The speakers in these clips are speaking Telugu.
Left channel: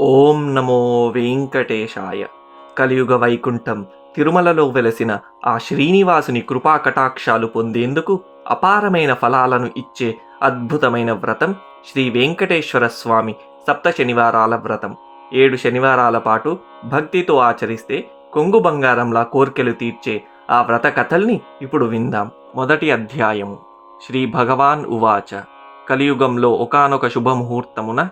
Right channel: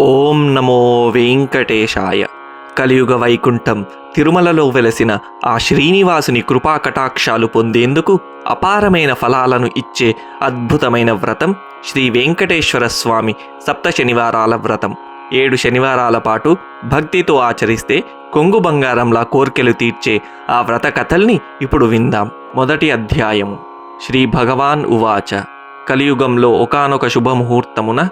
ఓం నమో వెంకటేశాయ. కలియుగ వైకుంఠం తిరుమలలో వెలసిన ఆ శ్రీనివాసుని కృపా కటాక్షాలు పొందేందుకు అపారమైన ఫలాలను ఇచ్చే అద్భుతమైన వ్రతం శ్రీ వెంకటేశ్వర స్వామి సప్త శనివారాల వ్రతం. ఏడు శనివారాల పాటు భక్తితో ఆచరిస్తే కొంగు బంగారంలా కోర్కెలు తీర్చే ఆ వ్రత కథల్ని ఇప్పుడు విందాం. మొదటి అధ్యాయము. శ్రీ భగవాన్ ఉవాచ. కలియుగంలో ఒకానొక శుభముహూర్తమున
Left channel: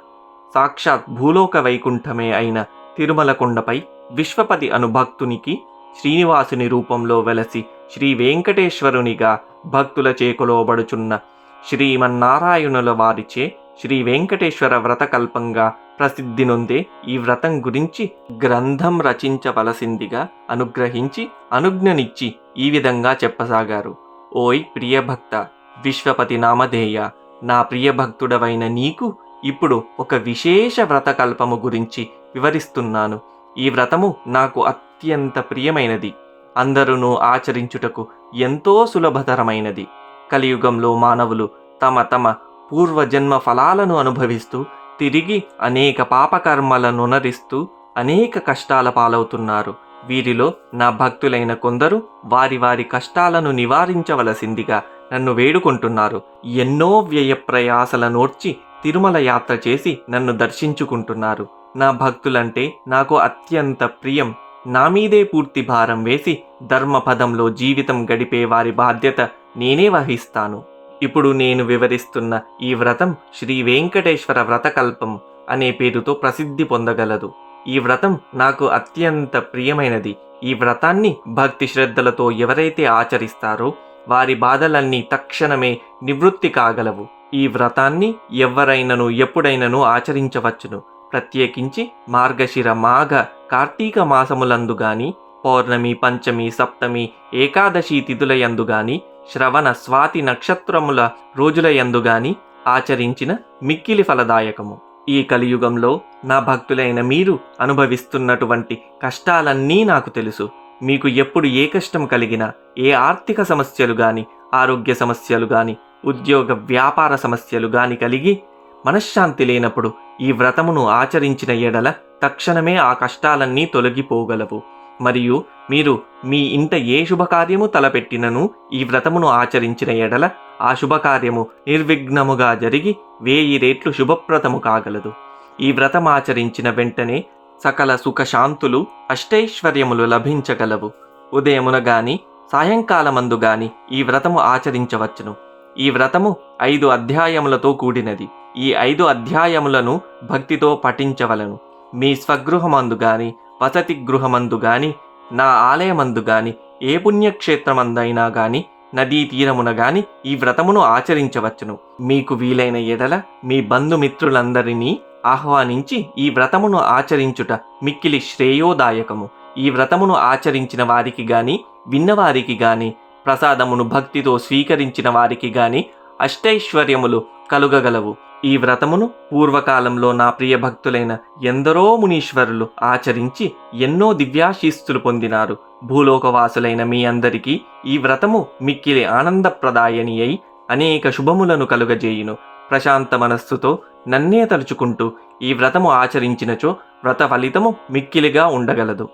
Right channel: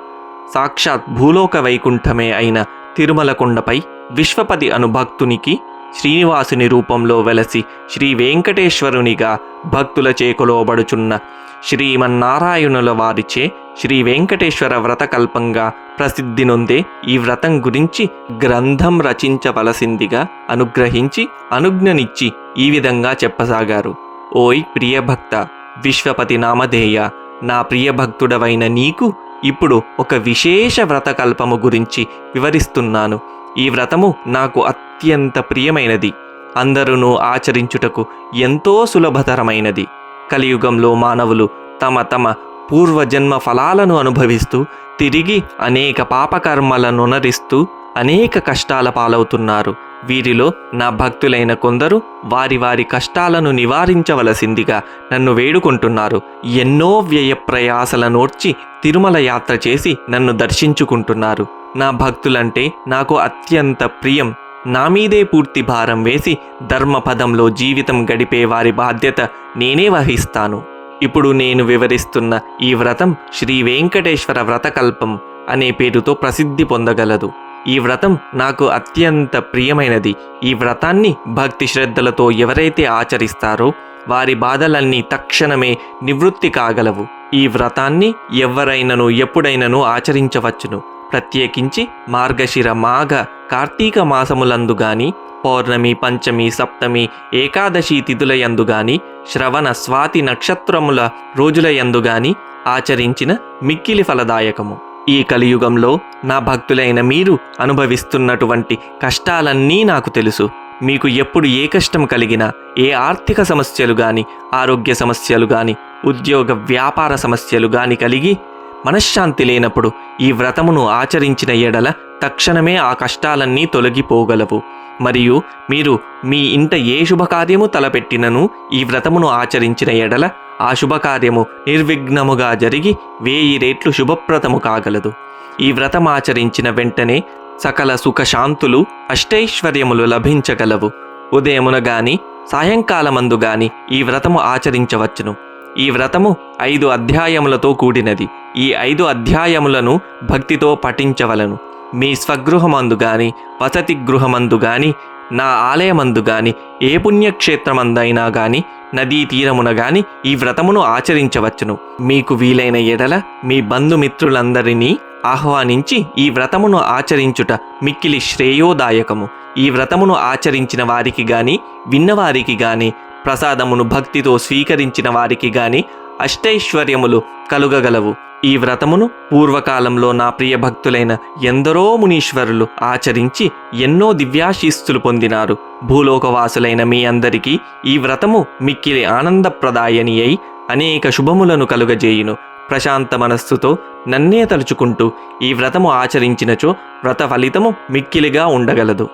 సాక్షాత్ భూలోక వైకుంఠమే అయిన తిరుమలకొండపై విశ్వపతి అను భక్తునికి శ్రీనివాసుని రూపంలో వెలసి శ్రీ వెంకటేశ్వరునిగా భక్తుల చేకొలోబడుచున్న శ్రీమన్నారాయణుల వారిచే శ్రీ వెంకటేశ్వర వ్రతకల్పంగా ప్రసిద్ధి నొందే ఈ వ్రతం గురించి గ్రంథం రచించవలసిందిగా అనుగ్రహించి అనుజ్ఞనిచ్చి ఈ విధంగా చెప్పసాగారు. ఓయ్ ప్రియభక్త విశ్వపతి నామధేయ నా ప్రియభక్తుడవైన నీకు ఇప్పుడు ఒక విశేష వ్రతకల్పము గురించి వివరిస్తున్నాను. ఈ వ్రతము నాకు అత్యంత ప్రియమైనది. అందరూ ఆచరించుటకు ఎంతో సులభతరమైనది. కలియుగంలో మానవులు తమ తమ పూర్వజన్మ ఫలాలను అనుభవిస్తూ తిరిగి అనేక పాపకర్మలను నరిస్తూ అనేక కష్టాల పాలవుతున్నారు. వీరిలో నా భక్తులైన కొందరు వారి వారి కష్టాలను నివారించవలసిందిగా నన్ను వేడుకుంటున్నారు. ఎన్నో వ్యయ ప్రయాసల నోర్చి తిరుమల యాత్ర చేసి నన్ను దర్శించుకుంటున్నారు. నా భక్తులంటే నాకు అత్యంత ప్రియం. నా మీదే పూర్తి భారం వేసి ధర్మపదంలో జీవితం గడిపే వారి బాధ్యత నేనే వహిస్తాను. ఇప్పుడు నేను వివరిస్తున్న ఈ వ్రతం శ్రీ వెంకటేశ్వర వ్రతకల్పం అనే పేరుతో ప్రసిద్ధి పొందగలదు. ఈ వ్రతం నాకు అత్యంత ప్రియమైనది. ఈ వ్రతాన్ని భక్తి శ్రద్ధలతో ఎవరైతే ఆచరిస్తారో వారి బాధలన్నీ తక్షణమే నివృత్తి కాగలవు. ఈ వ్రతాన్ని ఎవరైనను ఎప్పుడైనను ఆచరించవచ్చును. ప్రత్యేకించి మార్గశిర మాఘ కార్తీక మాసములందు గాని పౌర్ణమి పంచమి సప్తమి ఏకాదశి తిథులయందు గాని శ్రవణ స్వాతి నక్షత్రముల రోజులయందు గాని ఆచరించిన మిక్కిలి ఫలదాయకము. ఈ కలియుగంలో నా భక్తులైన మీరు అనుభవిస్తున్నటువంటి కష్టాలన్నీ నాకు తెలుసు. మీకు ఎప్పుడు ఏ కష్టం కలిగినా ఏ ఆర్థిక సమస్యలు కానీ ఆరోగ్య సమస్యలు కానీ ఉద్యోగ వ్యాపార సమస్యలు కానీ కలిగి మనశ్శాంతి లేనప్పుడు ఈ వ్రతమును ఆచరించిన ఎడల తక్షణమే ఆ కష్టాలన్నీ తొలగిపోగలవు. మరియు మీరు మీ ఇంట ఏ శుభకార్యము తలపెట్టినను ఈ వ్రతమును ఆచరించిన ఎడల ఆ శుభకార్యము నిర్విఘ్నముగా జరిగి వేయి రేట్లు శుభప్రదము కాగలదు. ఈ వ్రతం ఆచరించిన వెంటనే సకల సుఖశాంతులు అష్టైశ్వర్యములు లభించగలవు. ఉదయమున గాని సాయంకాలమందు గాని ఈ వ్రతము ఆచరించవచ్చును. ఈ వ్రతము ఐదు అధ్యాయములతో కూడినది. ఈ ఐదు అధ్యాయములను భక్తితో పఠించవలను. మీ స్వగృహమందు గాని వసతి గృహమందు గాని నా ఆలయమందు గాని ఏ పుణ్యక్షేత్రమందైనా గాని నదీ తీరమున గాని ఈ వ్రతమును ఆచరించవచ్చును. మీకు వీలైన ఎడల మీ బంధుమిత్రులందరినీ ఆహ్వానించి ఈ వ్రతమును ఆచరించుట మిక్కిలి శ్రేయోదాయకము. ఈ వ్రతమును ఆచరించిన వారికి గాని విన్నవారికి గాని ప్రసాదమును భక్తితో స్వీకరించిన వారికి గాని అష్టైశ్వర్యములు కలుగగలవు. ఈ వ్రతమును పూర్వకాలంలో నా ప్రియ భక్తులైన ఎందరో మునీశ్వరులు ఆచరించి ఎన్నో దివ్యాశీస్సులు పొందినారు. భూలోకవాసులైన మీ అందరికీ ఈ వ్రతము మిక్కిలి ఆనందప్రదాయని అయి అనేక శుభములను కలుగజేయును. ప్రశాంత మనస్సుతో నన్నే తలుచుకుంటూ ఈ వ్రతము ఆచరించినచో వ్రత ఫలితము మిక్కిలిగా ఉండగలదు.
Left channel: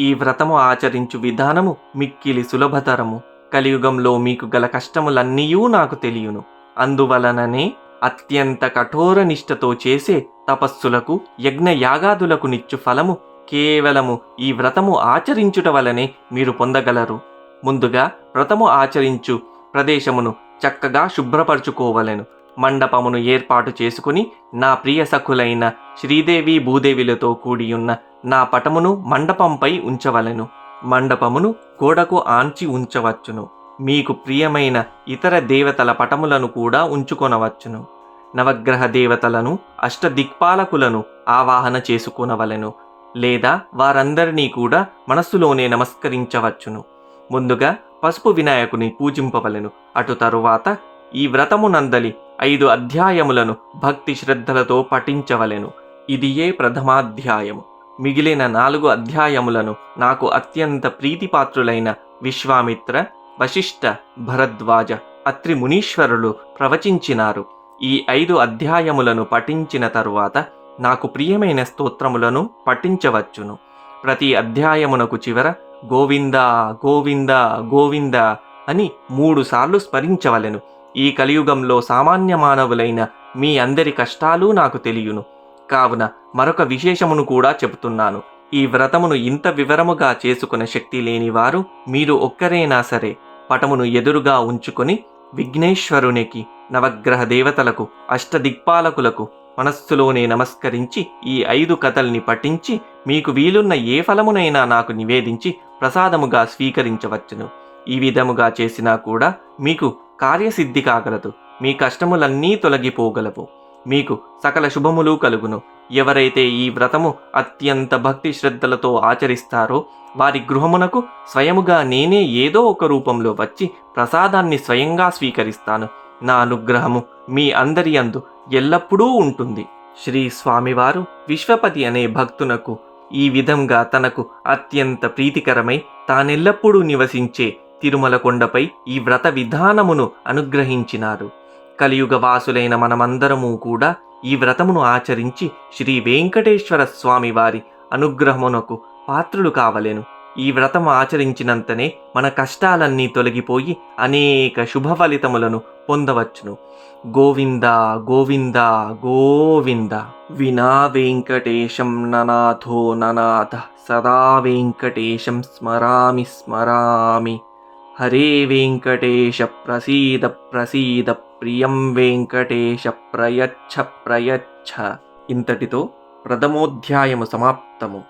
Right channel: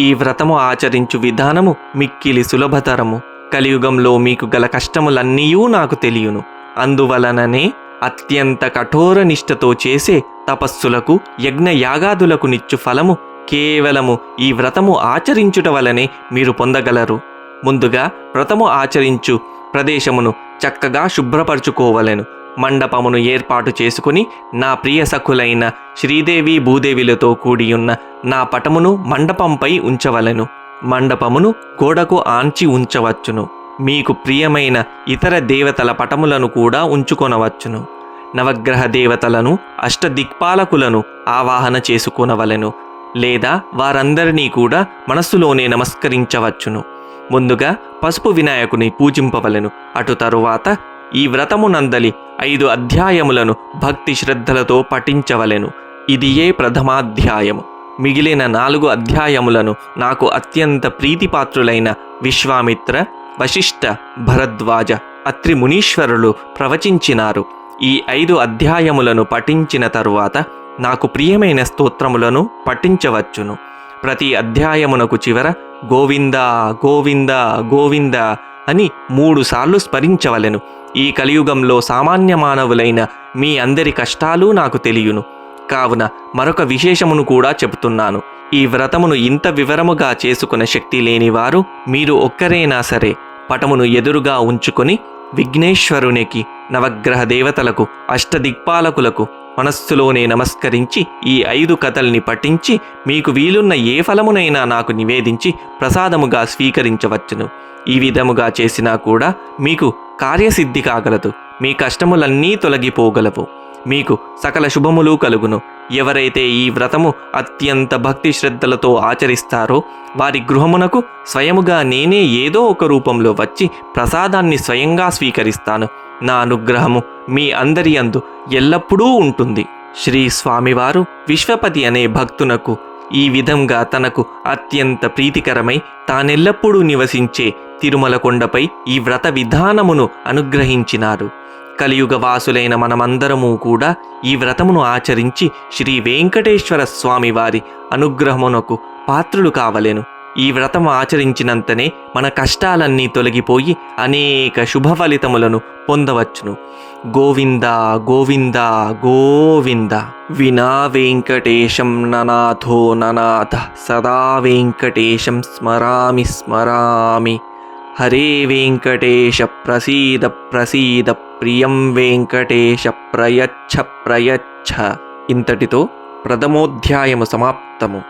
ఈ వ్రతము ఆచరించు విధానము మిక్కిలి సులభతరము. కలియుగంలో మీకు గల కష్టములన్నీయూ నాకు తెలియను. అందువలననే అత్యంత కఠోర నిష్ఠతో చేసే తపస్సులకు యజ్ఞయాగాదులకు నిచ్చు ఫలము కేవలము ఈ వ్రతము ఆచరించుట వలనే మీరు పొందగలరు. ముందుగా వ్రతము ఆచరించు ప్రదేశమును చక్కగా శుభ్రపరచుకోవలెను. మండపమును ఏర్పాటు చేసుకుని నా ప్రియ సఖులైన శ్రీదేవి భూదేవిలతో కూడియున్న నా పటమును మండపంపై ఉంచవలెను. మండపమును గోడకు ఆంచి ఉంచవచ్చును. మీకు ప్రియమైన ఇతర దేవతల పటములను కూడా ఉంచుకొనవచ్చును. నవగ్రహ దేవతలను అష్టదిక్పాలకులను ఆవాహన చేసుకునవలెను లేదా వారందరినీ కూడా మనస్సులోనే నమస్కరించవచ్చును. ముందుగా పసుపు వినాయకుని పూజింపవలెను. అటు తరువాత ఈ వ్రతమునందలి ఐదు అధ్యాయములను భక్తి శ్రద్ధలతో పఠించవలెను. ఇది ఏ ప్రథమాధ్యాయము. మిగిలిన నాలుగు అధ్యాయములను నాకు అత్యంత ప్రీతిపాత్రులైన విశ్వామిత్ర వశిష్ఠ భరద్వాజ అత్రి మునీశ్వరులు ప్రవచించినారు. ఈ ఐదు అధ్యాయములను పఠించిన తరువాత నాకు ప్రియమైన స్తోత్రములను పఠించవచ్చును. ప్రతి అధ్యాయమునకు చివర గోవింద గోవింద గోవింద అని మూడుసార్లు స్మరించవలెను. ఈ కలియుగంలో సామాన్య మానవులైన మీ అందరి కష్టాలు నాకు తెలియను. కావున మరొక విశేషమును కూడా చెబుతున్నాను. ఈ వ్రతమును ఇంత వివరముగా చేసుకున్న శక్తి లేనివారు మీరు ఒక్కరైనా సరే పటమును ఎదురుగా ఉంచుకొని విఘ్నేశ్వరునికి నవగ్రహ దేవతలకు అష్టదిక్పాలకులకు మనస్సులోనే నమస్కరించి ఈ ఐదు కథల్ని పఠించి మీకు వీలున్న ఏ ఫలమునైనా నాకు నివేదించి ప్రసాదముగా స్వీకరించవచ్చును. ఈ విధముగా చేసినా కూడా మీకు కార్యసిద్ధి కాగలదు. మీ కష్టములన్నీ తొలగిపోగలవు. మీకు సకల శుభములు కలుగును. ఎవరైతే ఈ వ్రతము అత్యంత భక్తి శ్రద్ధలతో ఆచరిస్తారో వారి గృహమునకు స్వయముగా నేనే ఏదో ఒక రూపంలో వచ్చి ప్రసాదాన్ని స్వయంగా స్వీకరిస్తాను. నా అనుగ్రహము మీ అందరి అందు ఎల్లప్పుడూ ఉంటుంది. శ్రీ స్వామివారు విశ్వపతి అనే భక్తునకు ఈ విధంగా తనకు అత్యంత ప్రీతికరమై తానెల్లప్పుడూ నివసించే తిరుమల కొండపై ఈ వ్రత విధానమును అనుగ్రహించినారు. కలియుగ వాసులైన మనమందరము కూడా ఈ వ్రతమును ఆచరించి శ్రీ వెంకటేశ్వర స్వామి వారి అనుగ్రహమునకు పాత్రులు కావలెను. ఈ వ్రతం ఆచరించినంతనే మన కష్టాలన్నీ తొలగిపోయి అనేక శుభ ఫలితములను పొందవచ్చును. గోవింద గోవింద గోవింద. వినా వెంకటేశం ననాథో ననాథ. సదా వెంకటేశం స్మరామి స్మరామి. హరే వెంకటేశ ప్రసీద ప్రసీద ప్రియం వెంకటేశ ప్రయచ్ఛ ప్రయచ్ఛ ఇంతటితో ప్రథమోధ్యాయము సమాప్తము.